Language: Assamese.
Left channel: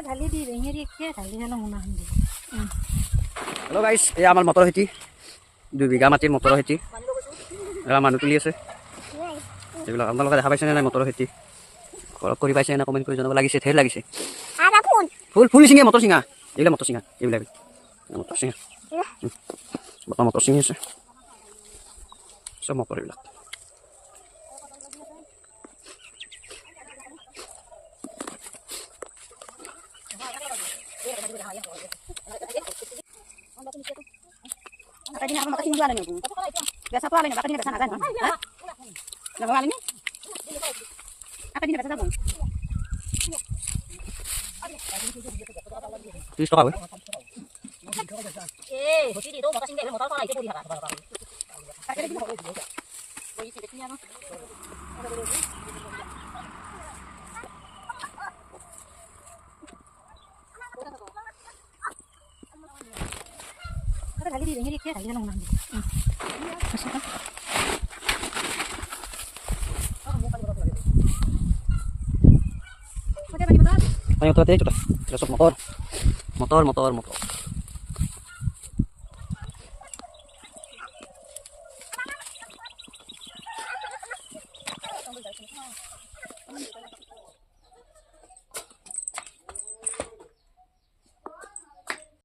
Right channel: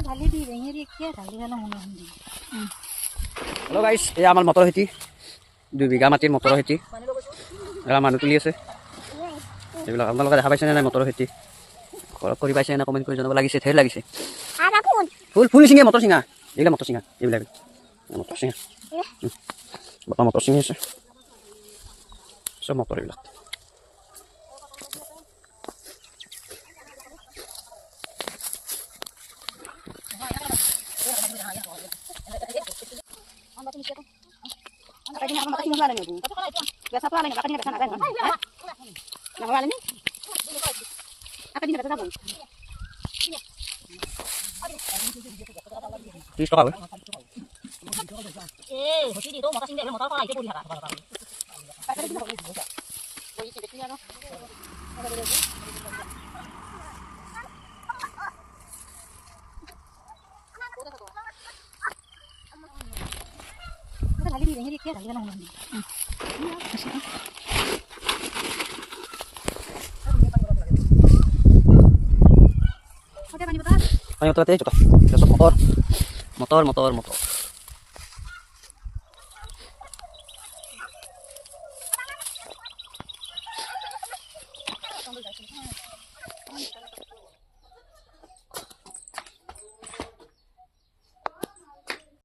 Hello guys, এই আমাৰ মটৰ খেতি 2 বিঘা মাটিৰ মটৰ খেতি এৰা মানুহ তুলি আছে এইবিলাক আপোনালোকে দেখা পাইছেনে নাই মটৰ খেতি ঘৰত কৰি পাইছে না কমেন্ট কৰি জনাব লাগিছে ঠেৰ লাগিছে ফুল ফুল চিঙা মটৰ চিঙা এইবিলাক মটৰ চিঙা এইবিলাক মটৰ চিঙা মটৰ চিঙি আছে সব মটৰ এইবিলাক Tadi nak makan jualan ni. Biasa tu alanya, makan ni biasa nak kan? Nak jualan ni? Apa ni biasa sabun? 30 টাকা Eh, mesti di tu makan sini motor kau itu pun dia. Pakai ni boleh. Boleh sini ni ano? Ada lagi di sini dia ada nama. ayo tuh itu besok motor